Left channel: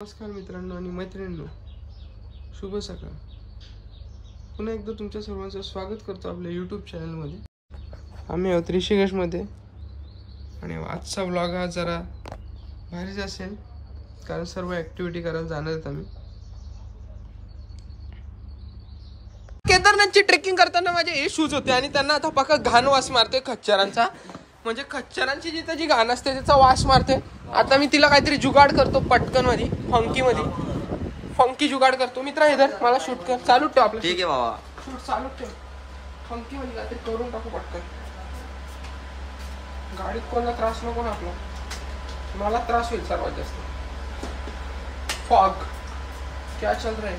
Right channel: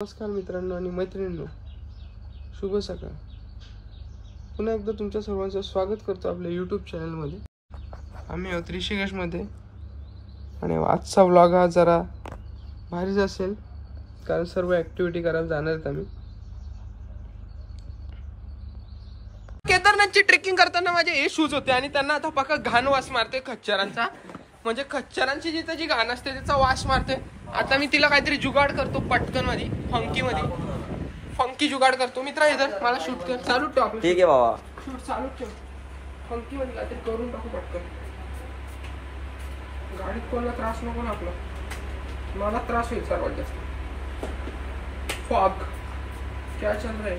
नमस्कार मित्रांनो आणि मैत्रिणींनो, शुभ सकाळ. पुन्हा एकदा तुमच्या सर्वांचं स्वागत करतो आपल्या यूट्यूब चॅनलमध्ये. आम्ही आहोत ऋषिकेशमध्ये आणि आजचा व्लॉग हा जरा भारीच असेल, कारण सर्व ॲक्टिव्हिटी करायला जाणार आहेत आम्ही. केदारनाथची ट्रेकिंग करताना माझे हे शूज होते आणि त्यांना आता पक्का घाण वास मारतोय खच्चरांचा. म्हणजे खच्चरांची जिथं जी घाण असते त्याचा वास मारते. आता मी तिला काहीतरी जुगाड करतो पटकन मध्ये, फंकी जुगाड करतो. मित्रा इधर मला शूट कर, चालू ठेव आपलं. ठीक आहे बाबा, शूट चालू ठेव. फंकी मध्ये काहीतरी करून टाकू पटकन. गाडीत कोणाला त्रास नको ना आपला, मला त्रास होईल सर्वात जास्त. फॉग क्या चल रहा है?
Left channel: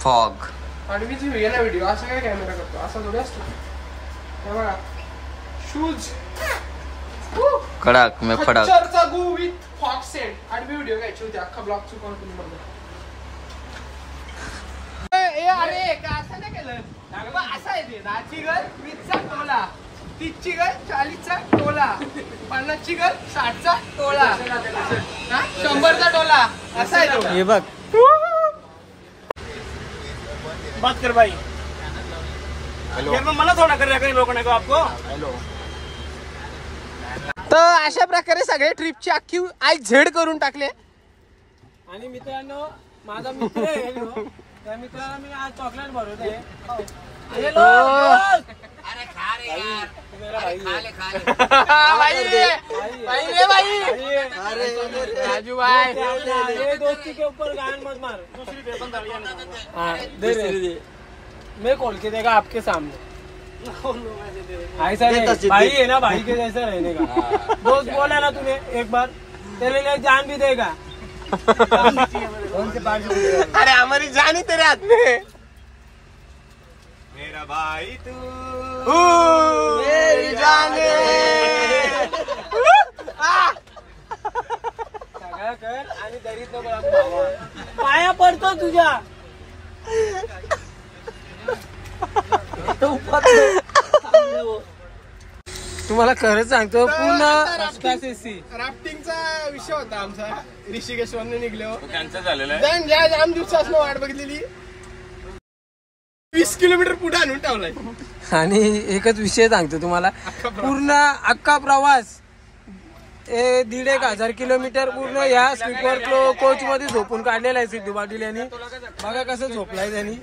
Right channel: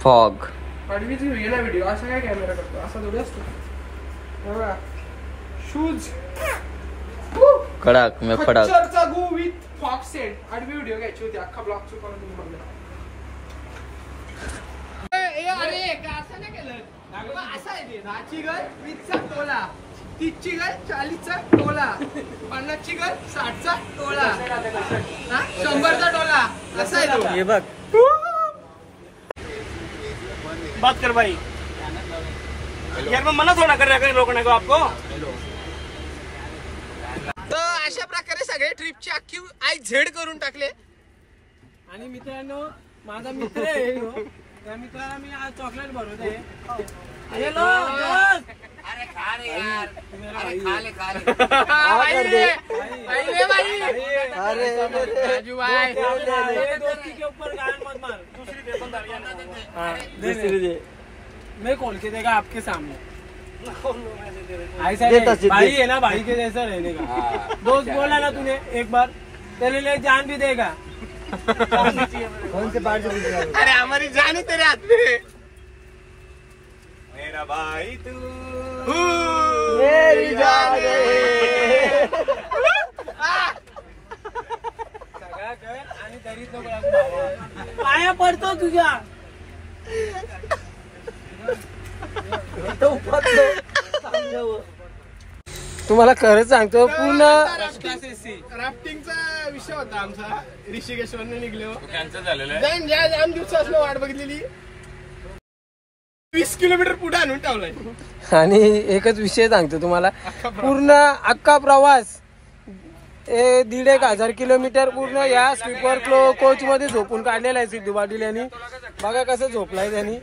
फॉग आडवीच घेऊया ना व्हिडिओ. असं काय कॅमेरा करतो, असा थोडी असतो. हे बघा शूज कडक मे फडक खच्चरचा गो विथ फॉग सेट. आडवी व्हिडिओ घ्यायची होती, अख्खा ब्लॉग चुकवून बनवला. अरे का असं नाही केलं. असं आहे ते 10ची घर 20चा टोला, 30ची घर 40चा टोला, 50ची घर 60चा टोला, 100चा टोला. असा आहे तो. हे बघ, बात कर भाई. यार मैं मना थोड़ा कर रहा है रोकने को आपको. तर अशा प्रकारे सगळे ट्रिपची अख्खी आज झेड करून टाकले. आणि मित्रांनो, माझा मित्र आहे ह्यो. त्या मित्राला मी आज चॉकलेट भरवते. हेलो अरे खा रे यार, मेरा भाई राजू भाई, ये दोस्ती के ऊपर गान मत मार. दूसरी दे बंदा दे. मैं खोल के देगा आपके सामने. ऐसा भाई है ना, भाई के जैसा रहने का. दोस्त बोला ना तूने एक बार, तेरे लिए जान भी देगा. अरे हमारी जान ही तेरे हाथ में. मेरा भाई तू मेरी जान सगळं कर आणि दरीत नको लागू भावा. पाया पडतो तुझ्या. तुम्हाला खरंच सांगतो, पूर्ण राफ्टिंगचा विषय होता आमचा. ऋषिकेश्वरने निघलो, कॅन्सल झालेला आहे. आम दिवसापासून वाट बघितलेली. 20 किलोमीटर पुढे आणून ठेवलाय. आणि एकच विषय सांगतो तुम्हाला, पूर्ण अख्खा प्रवास 1,500 किलोमीटर पूर्ण या स्लीपर कोच मध्ये झोपून काढलेला आहे सिद्धू पाटील यांनी. बघा कसं झोपलाय त्यांनी.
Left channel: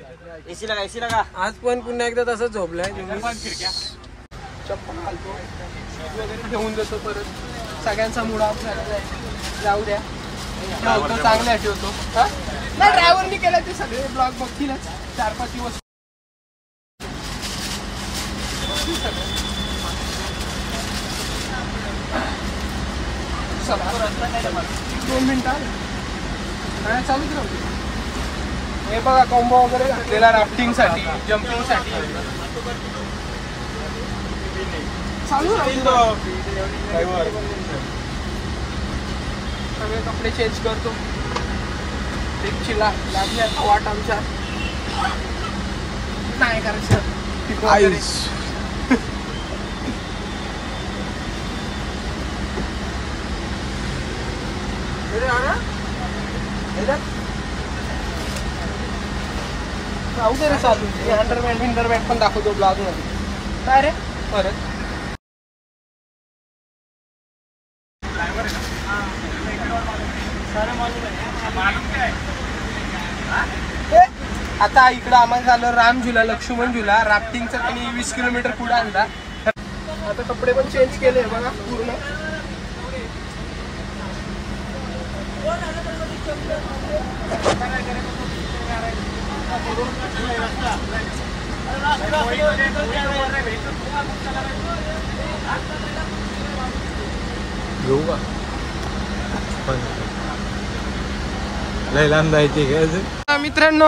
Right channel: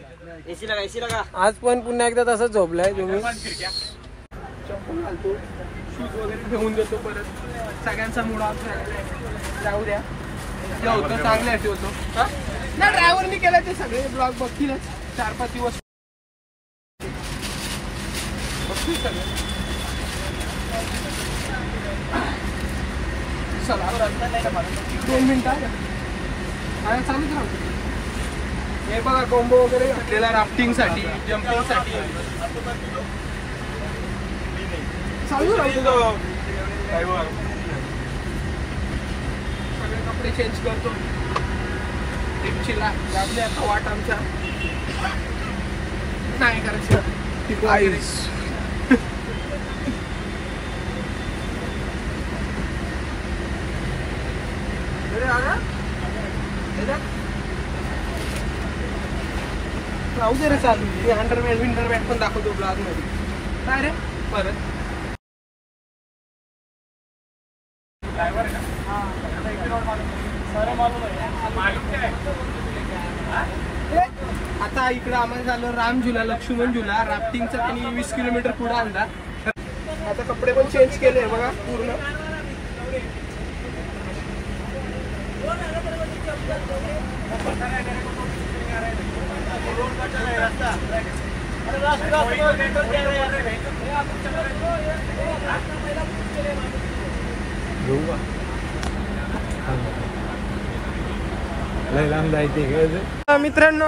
एसी लगा. आज पण पुन्हा एकदा तसंच झोपलाय तुम्ही. चप्पल घालतो, शूज वगैरे घेऊन देतो. परत सगळ्यांचा मूड ऑफ झालेला जाऊ द्या. ठेवतो, चांगला ठेवतो. नाही, ड्रायव्हरनी केलं ते सगळे ब्लॉग बघतीलच 4-5 दिवस. चला 2 मिनिटं काय चालूच राहतो. हे बघा कॉम्बो वगैरे घातलेला राफ्टिंग साठी, जम्पिंग साठी चालू राहतो. सगळे कपडे चेंज करतो. ट्रिपची लागली आता वाट आमच्या. नाही करायचं आयुष. राहू दे रे चालू. अंडरमॅन विंटरमॅन पण दाखवतो ब्लॉग मध्ये. काय रे परत आता इकडं आम्हाला झालं राम झुला, लक्ष्मण झुला. राफ्टिंगचा त्यांनी 20 किलोमीटर पुढे आणला. आता कपडे पण चेंज केले बघा पूर्ण. मित्रांनो,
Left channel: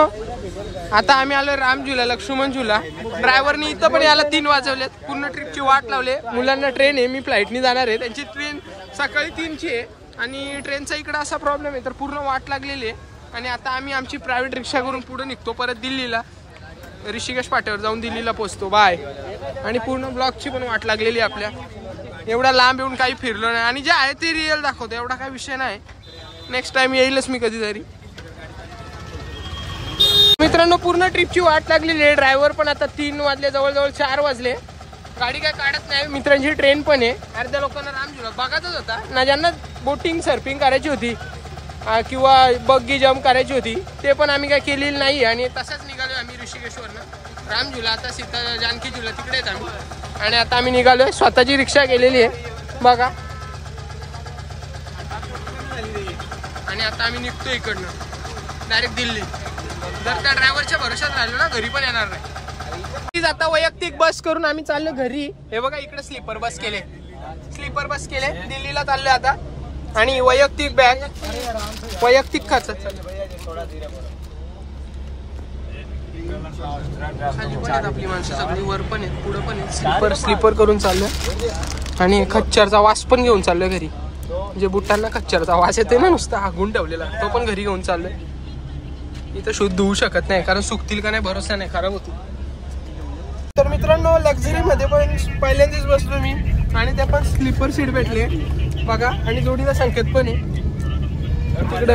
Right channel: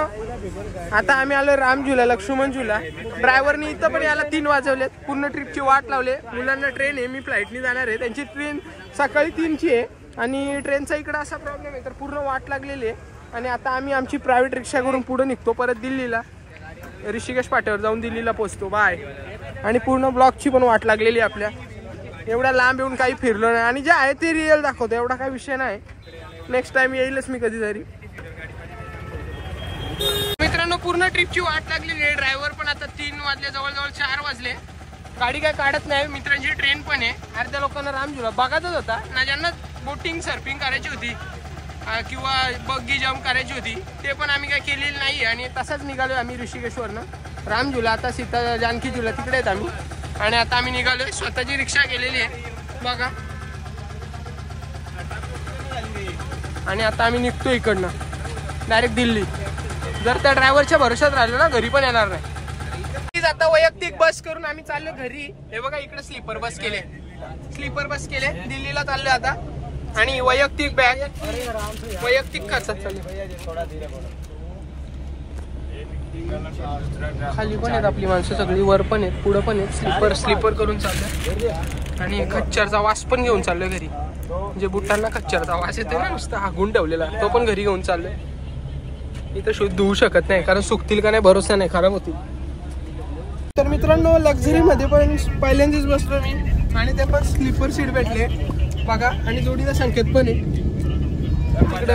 आता आम्ही आलो राम झुला, लक्ष्मण झुला. ड्रायव्हरनी इथं पण याला 3 वाजवलेत. पूर्ण ट्रिपची वाट लावले. मुलांना ट्रेन आहे, मी फ्लाईटनी जाणार आहे. त्यांची ट्रेन सकाळी 3ची आहे आणि ट्रेनचा इकडं असा प्रॉब्लेम आहे, तर पूर्ण वाट लागलेली आहे. आणि आता आम्ही आमची प्रायव्हेट रिक्षा करून पुढे निघतो परत दिल्लीला. ऋषिकेश पाट्यावर जाऊन दिल्लीला पोहोचतो. बाय. आणि पूर्ण ब्लॉकची पण वाट लागलेली आपल्या. एवढा लांब येऊन काही फिरलो नाही आणि जे आहे ते रिअल दाखवतो. एवढा काही विषय नाही. नेक्स्ट टाइम येईलच मी कधीतरी. मित्रांनो पूर्ण ट्रिपची वाट लागलेली आहे. ड्रायव्हर पण आता 3 वाजले, जवळजवळ 4 वाजले. गाडी काय काढत नाही. मित्रांची ट्रेन पण आहे. अर्ध्या लोकांना रामझुला बघायचाच होता ना, ज्यांना बोटिंग सर्फिंग करायची होती किंवा बग्गी जम्प करायची होती ते पण आम्ही काय केलेली नाही. आणि तसाच निघालोय आम्ही ऋषिकेश्वरनं. रामझुला आता सीता जानकी झुला तिकडे आहेत आम्ही. आणि आता आम्ही निघालोय. स्वतःची रिक्षा केलेली आहे बघा. आणि आता आम्ही निघतो इकडनं डायरेक्ट दिल्ली. जर त्या ड्रायव्हरच्या भरोशात राहिलो ना घरी पण येणार नाही. आता वैयक्तिक बस करून आम्ही चाललो घरी. हे बघा इकडे स्लीपर बस केले दिल्लीला चाललो आता. आणि वैयक्तिक बॅग वैयक्तिक खर्च खाली पण आहेत आपली माणसं सगळी, वर पण आहेत पुढं पण आहेत. स्लीपर करून चाललो. आणि खच्चरचा वास पण घेऊन चाललोय घरी. म्हणजे बुटांना खच्चरचा वास येते ना नुसता हागून ठेवलेला, तो पण घरी घेऊन चाललोय. इथं शुद्ध होऊ शकत नाही कारण सुकतील का नाही भरोसा नाही, खराब होतील. तर मित्रांनो लक्झरी मध्ये पण पहिल्यांदाच बसलो मी. आणि ते पण स्लीपर सीट भेटले बघा. आणि जोडीला संकेत पण आहे तिकडे.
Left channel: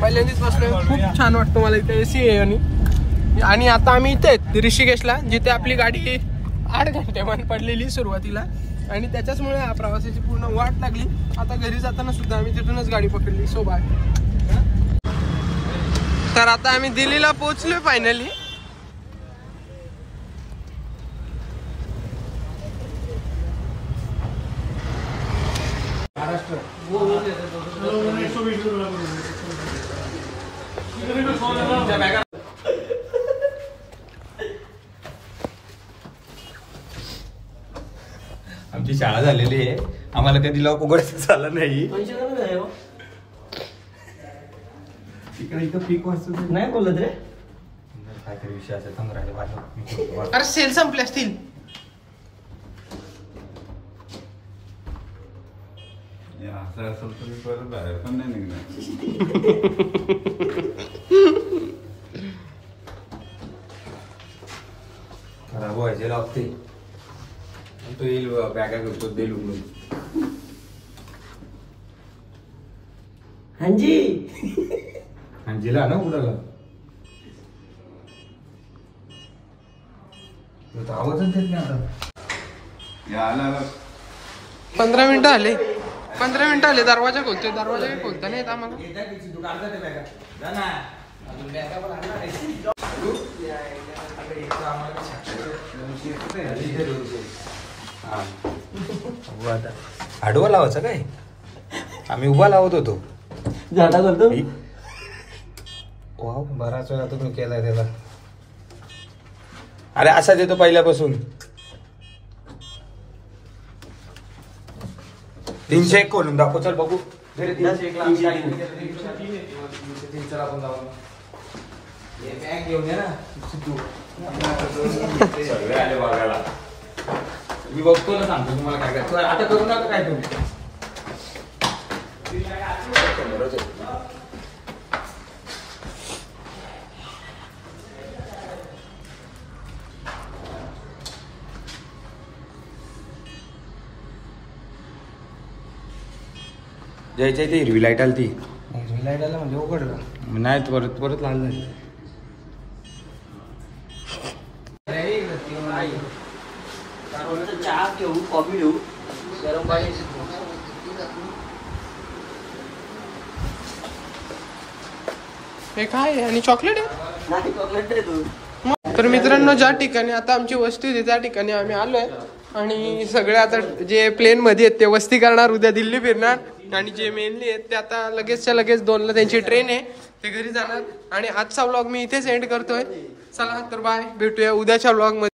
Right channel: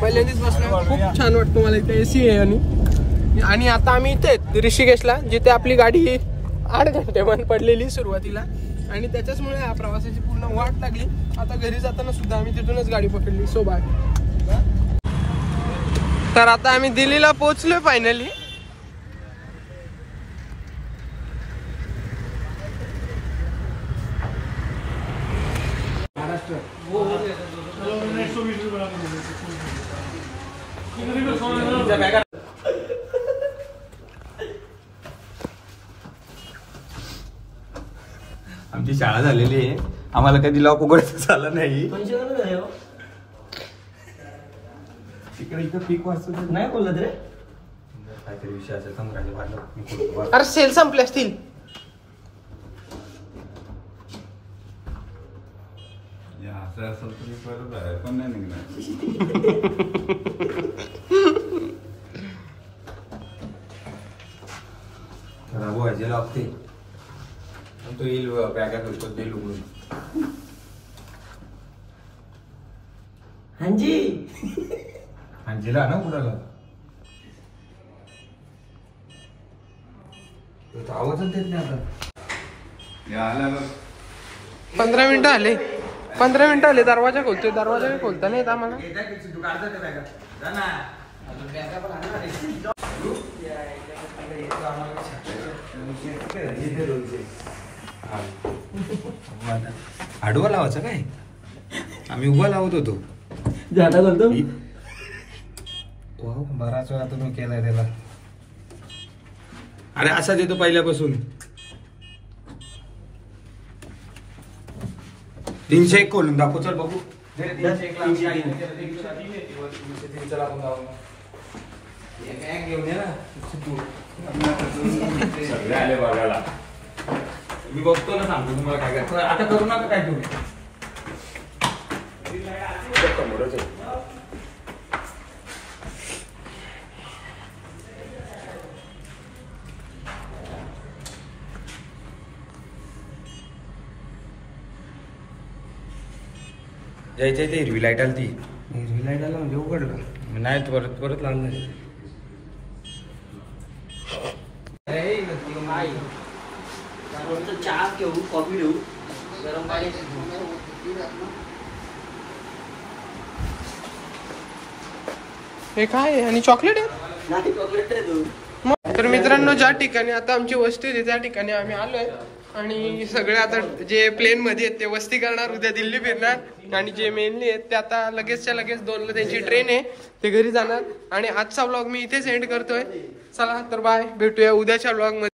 पहिल्यांदाच बसलो, खूप छान वाटतं मला इथे. एसी आहे. आणि आता आम्ही इथे ऋषिकेशला, जिथे आपली गाडी 8 घंटे बंद पडलेली सुरुवातीला. आणि त्याच्याचमुळे या प्रवासाची पूर्ण वाट लागली. आता घरी जाताना सुद्धा आम्ही तिथूनच गाडी पकडली सोबत. तर आता आम्ही दिल्लीला पोहोचलोय फायनली. आमची शाळा झालेली आहे, आम्हाला कधी लॉक उघडायचं झालं नाही. तिकडे इथं पीक वाजतो नाही बोलत रे. काहीतरी विषय असेल समोर आले. अरे सेल संपले असतील. असेल तर बाहेर पण नाही निघणार. खराब व्हायचे लागते. तो येईल बॅगा करतो देईल उघडून. हांजीला ना उघडायला आवाजच देत नाही आता. 15 मिनिटं आले. 15 मिनिटं आले. दरवाजा खोलतोय. दरवाजा काही खोलता नाही येत आम्हाला. आडवा लावायचा काय? आम्ही उभा लावत होतो. बराच वेळा तुम्ही केलाय त्याला. अरे असा देतो पहिल्यापासून. 301 खोलून दाखव. चल बघू. 303 आले बघायला. मी बघतो ना, सांगतो तुम्हाला काय काय. आता करू नका काय तुम्ही. जायचं ते हिरवी लाईट आली. ती हिरवी लाईट आला म्हणजे उघडलं नाही. परत परत लागलं. चहा घेऊ, कॉफी घेऊ. हे काय आहे? आणि चॉकलेट आहे. तर मित्रांनो ज्या ठिकाणी आता आमची वस्ती आहे त्या ठिकाणी आम्ही आलोय. आणि सगळे आता जे प्लेन मध्ये आहेत ते वस्ती करणार, उद्या दिल्ली फिरणार. आणि जे मेनली आहेत ते आता लगेचच्या लगेच 2ला त्यांची ट्रेन आहे, ते घरी जाणार. आणि आजचा व्लॉग मी इथेच एंड करतोय. चला तर बाय, भेटूया उद्याच्या व्लॉग मध्ये.